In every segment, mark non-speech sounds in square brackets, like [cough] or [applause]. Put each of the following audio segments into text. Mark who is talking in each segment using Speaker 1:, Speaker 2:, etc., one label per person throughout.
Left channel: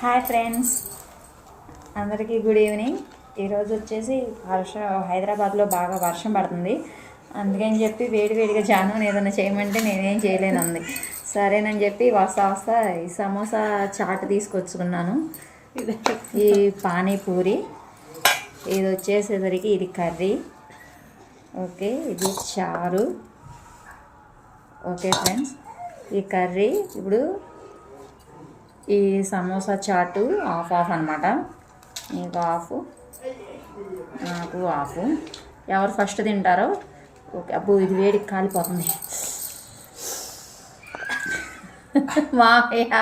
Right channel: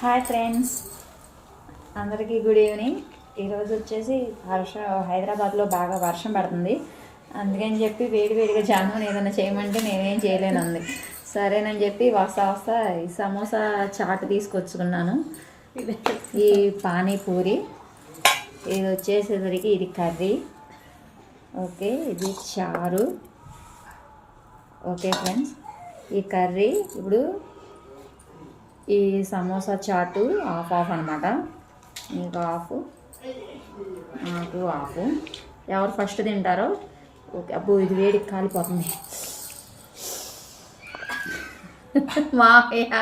Speaker 1: Hi friends. అందరికీ good evening. ఈరోజు వచ్చేసి వర్షం హైదరాబాద్లో బాగా వర్షం పడుతుంది. అందుకని చెప్పి వేడి వేడిగా ఏదైనా చేయమంటే నేనేం చేయలేను అంది. సరేనని చెప్పి వస్తా వస్తా ఈ సమోసా చాట్ తీసుకొచ్చుకున్నాను. ఈ పానీపూరి. ఇది వచ్చేసేసరికి ఇది కర్రీ. ఓకే ఇది చారు. Okay friends. ఈ కర్రీ ఇప్పుడు ఈ సమోసా చాటు ఆఫ్ ఆఫ్ అనమాట నీకు ఆఫ్ నాకు ఆఫ్ ఎవరు ఫస్ట్ తింటారో? ఓకే అబ్బో ఇది వేడికి కాలిపోతుంది. [laughs] మాయా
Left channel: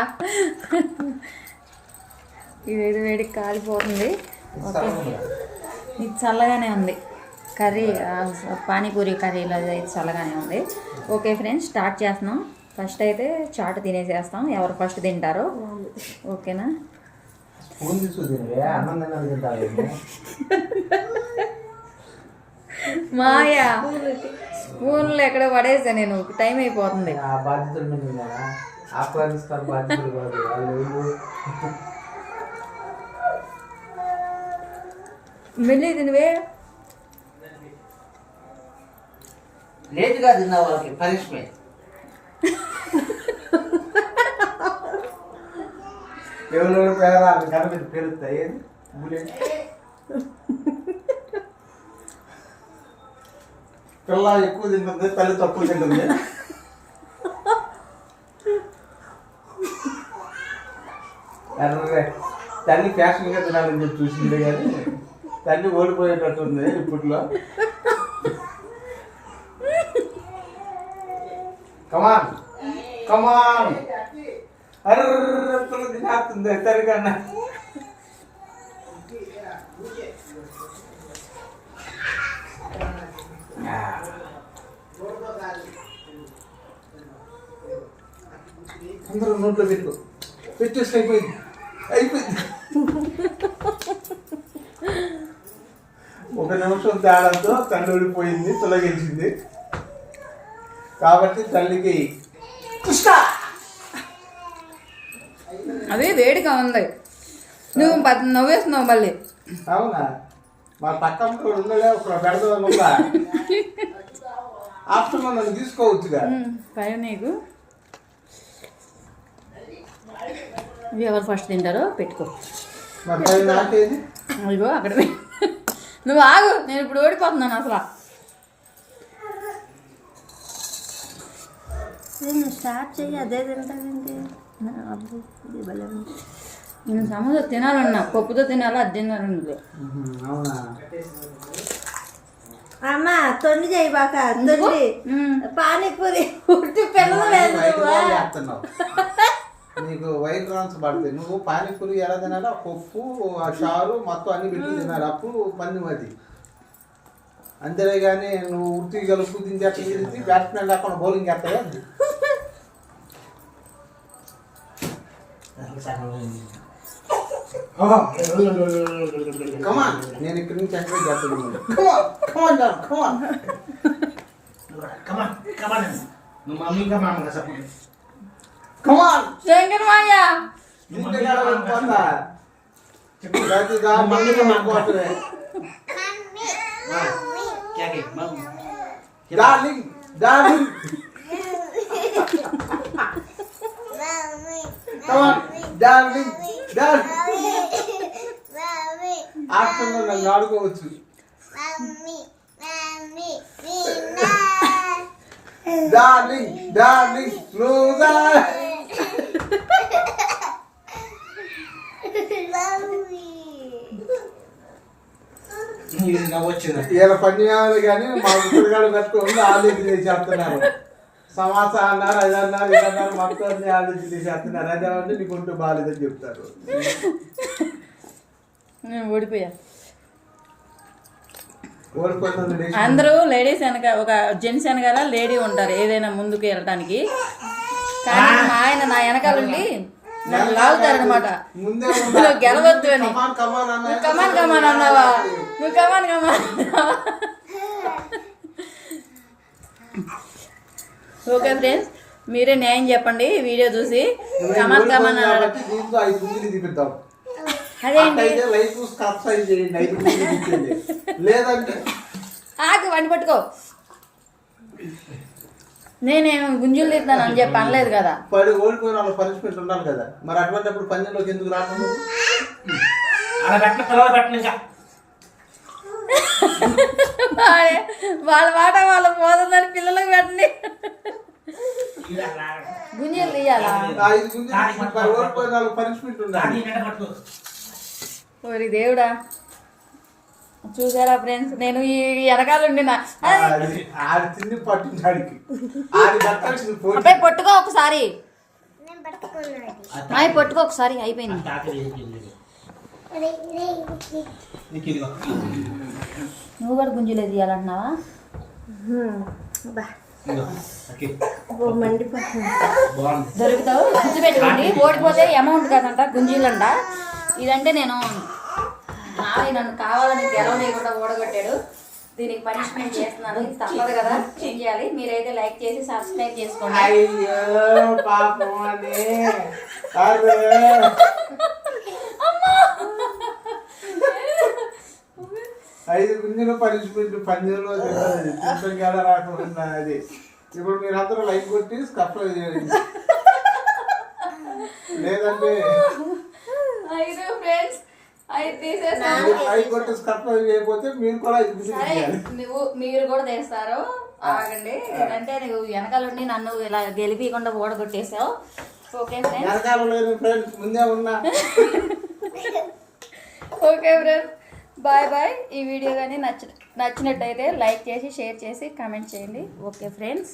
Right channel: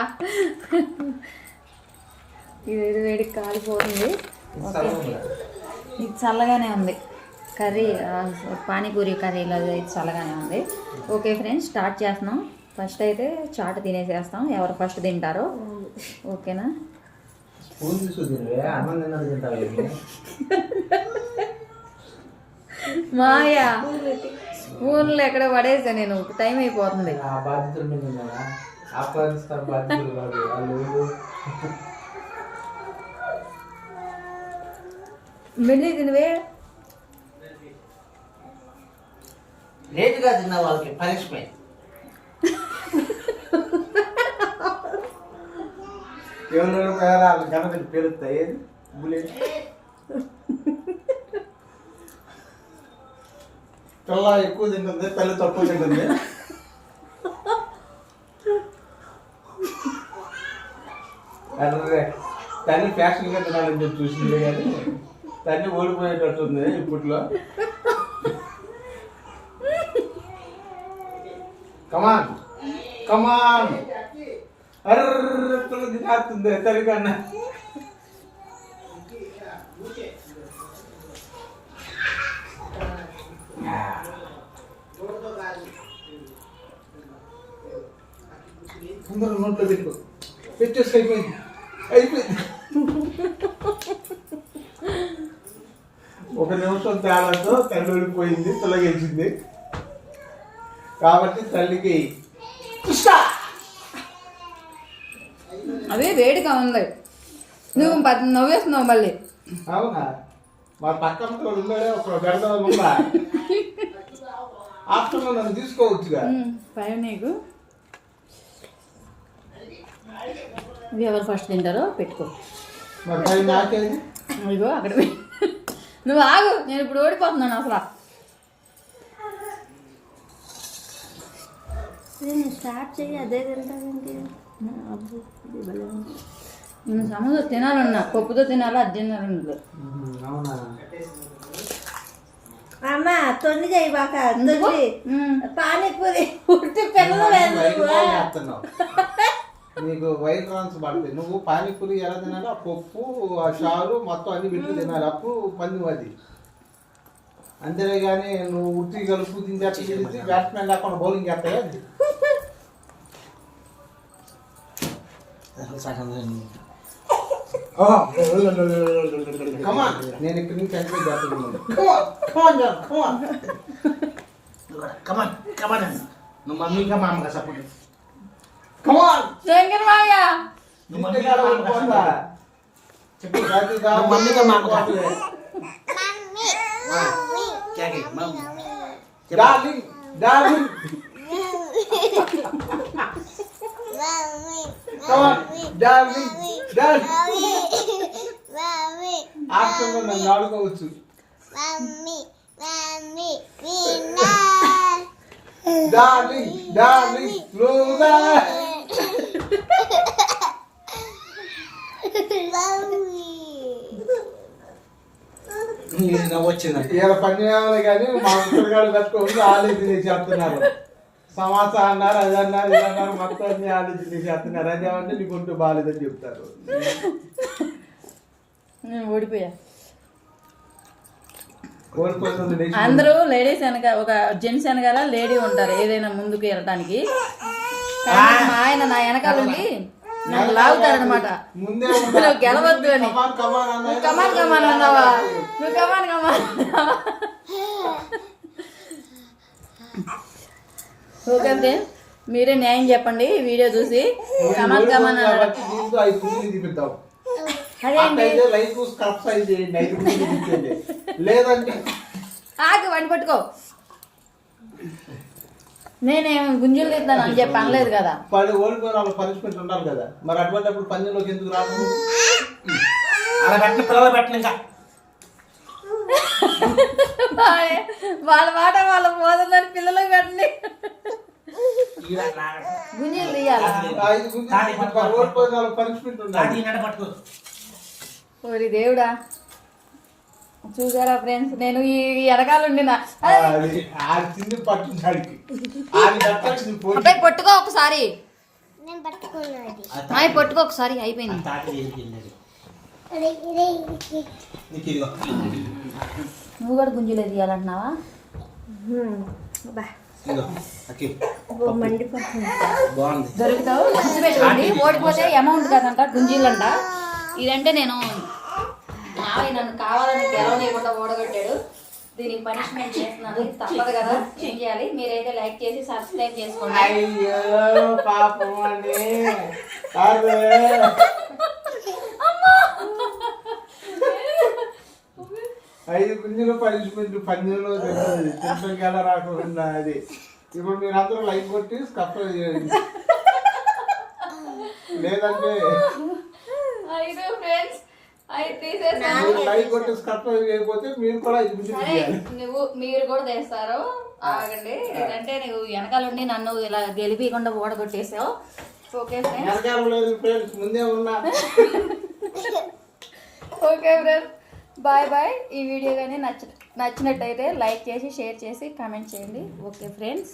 Speaker 1: ఇది వేడి వేడికి కాలిపోతుంది. ఓకే. ఇది చల్లగానే ఉంది. కర్రీ పానీపూరి కర్రీలో ఇది చల్లగానే ఉంది. ఓకే ఫ్రెండ్స్ స్టార్ట్ చేస్తున్నాం. ఫస్ట్ అయితే చాట్ తినేసేస్తాం. ఎవరు ఫస్ట్ తింటారో. ఓకేనా? మాయా. స్పూన్లు ఎక్కడ? పడేసా నేను. టైం అయిపోతుంది. మెల్లి తినవే.
Speaker 2: లేట్గా తిన్న వాళ్ళకి. పనిష్మెంట్. ఎవరు పేరా గణపతి పేరుస్తాయి పిల్ల ఎక్కువ తింటుంది తల్లి తక్కువ తింటుంది. అర్రే తల్లి ఫ్యాషన్గా తినాలని చెప్పి చూసింది కానీ తల్లి ఓడిపోయేటట్టుంది ఇప్పట్లో. కమాన్ కమాన్ అరకులు తినేస్తుంది తల్లి అందరూ నోట్లో పెట్టు పెట్టేసి అయిపోయింది అయిపోయింది ఒక నిమిషం తేడాతో తల్లి ఊడిపోయింది తొలగించింది కాబట్టి తల్లికి పుష్క
Speaker 1: అదే వేడిగా ఉంది. నువ్వు ప- నవ్వేస్తున్నావు మళ్ళీ.
Speaker 2: అవునా? మా పక్కన ఉండడే ఒక బెడద ఉందా ఆఫ్టర్నూన్ నన్ను తీసుకోవచ్చుగా.
Speaker 1: ఉమ్, పైన నీకు. ఇవి ఎవరు ఫస్ట్ తింటారో పెట్టుకో.
Speaker 2: మరి పై నాకేది?
Speaker 1: ఇగో అక్కడ నువ్వు ఆగు నేను ఇప్పుడు ఓడిపోతున్నాను అసలు.
Speaker 3: నేను స్టార్ట్ చెయ్యి అదే తింటానంటే
Speaker 1: నేను సమోసా తినాలన్నా పప్పుతో తినాలి అది తినాలి
Speaker 2: అవునా
Speaker 3: అమ్మ తొండి చేయి బాక తొండి. పానీపూరి ఉట్టి.
Speaker 2: నీకు వైట్ రాన్స్ పడతాయి. నువ్వు పానీపూరి ఎలా తినాలి ఆ పప్పు ఆ చారు మొత్తం అన్ని పెట్టి తినాలి. అప్పుడు పంది అది. అంతేనే కానీ నువ్వు ఉత్తి కలుపు తింటే తిరిగి బ్యాట్స్మెన్ లేకుండా బౌలింగ్ చేస్తావా? నేను ఇక్కడి నుంచి
Speaker 4: come on. నువ్వు మమ్మీ కమాన్ కదా సపోర్ట్
Speaker 2: కమాన్
Speaker 1: శంకర్ మాయ
Speaker 4: మమ్మీ కమాన్? చెప్పు మమ్మీ
Speaker 2: మమ్మీ ఆడుకోవచ్చు డార్లింగ్ డార్లింగ్
Speaker 4: స్లోగా
Speaker 2: ఇలా పని కానీ మా పిల్లగాడు కట్టుకోవాలి ఆలోచన చెప్తున్నారు. సమాస అన్నారు అది అన్నారు ఇది అన్నారు మొత్తం అన్ని ఆలోచన చేస్తున్నారు అదే అంటే బాగాలేదని చెప్తారు.
Speaker 1: నేను ఓడిపోయా. అందరూ లేడీస్ వెనక ఒక జెంట్స్ వెనకాల లేడీ ఉంటారు ఏదైనా ముందుకు వెళ్ళటానికి కానీ మా ఆయన నా వెనకాల ఉండి నన్ను లాగుతారనమాట నువ్వు గెలవద్దు అని. నువ్వు కమాన్ కమాన్ అన్నావా? నువ్వు కమాన్ కమాన్ అన్నావా? ఓకే ఫ్రెండ్స్ మీరే న్యాయం చెప్పండి ఈ వీడియో చూసి కమన్ కమన్ అన్నాడు. ఆగు వండి పట్టుకో. నేనేం గుంజులు తీస్తాను అని చెప్పి అనలేదు కదా.
Speaker 2: పడి ఓడిపోయిన వాళ్ళ పనిష్మెంట్ ఉండాలి కదా. మరి పందెంలోకి ఎందుకు
Speaker 1: వాళ్ళ మాట వాళ్ళ పోతుందని పిల్లలకు పెట్టండి. గుంజులు తీయాలా ఓరి దేవుడా. చూసారా ఫ్రెండ్స్? నేను ఈ అబ్బాయి పట్టుకో ఒకసారి. అవి పట్టుకో ఒకసారి అయిపోయింది. నువ్వు కూడా గుంజులే తీయాలంటున్నావా?
Speaker 3: బా.
Speaker 1: దొరుకుతావు? గుర్తు పెట్టుకోండి. ఓడిపోతే అమౌంట్ కాదంట గుంజీలంట. ఇదంటే నేను మావి నన్ను కావాలని గెలవలేకుండా ఓడగొట్టాడు. దీనికి పనిష్మెంట్ చేస్తున్నాను. తప్పదు కదా. ఏం చేయాలి? మీరైతే లైక్ చేసి సబ్స్క్రైబ్ చేసుకోండి
Speaker 2: అయ్యో పాపం అని కాదు ఐదు గుంజల పనిష్మెంట్ తిప్పం కదా రాకుండా అది ఇప్పుడు మీరు అందరూ లైక్ కొట్టి స్కప్ చేయండి. లేదంటే
Speaker 1: అయితే ఫ్రెండ్స్
Speaker 2: లైక్ కొట్టి స్కప్ చేయకపోతే మీరు కూడా ఐదు
Speaker 1: సరే నువ్వు మీరు కూడా తెస్తారు. ఆగండి. ఇదంటే నువ్వు వెనకాలండి నన్ను ఇలా గెలిపియకుండా ఓడగొట్టేసావు. ఓకే ఫ్రెండ్స్
Speaker 2: వెనకాల లేదు ఫ్రెండ్స్ ముందే ఉన్నా. [laughs]
Speaker 1: Okay friends bye bye. ఈ వీడియో కానీ నచ్చ నచ్చినట్టయితే లైక్ చేసి షేర్ చేసి కామెంట్ చేయండి. Okay friends.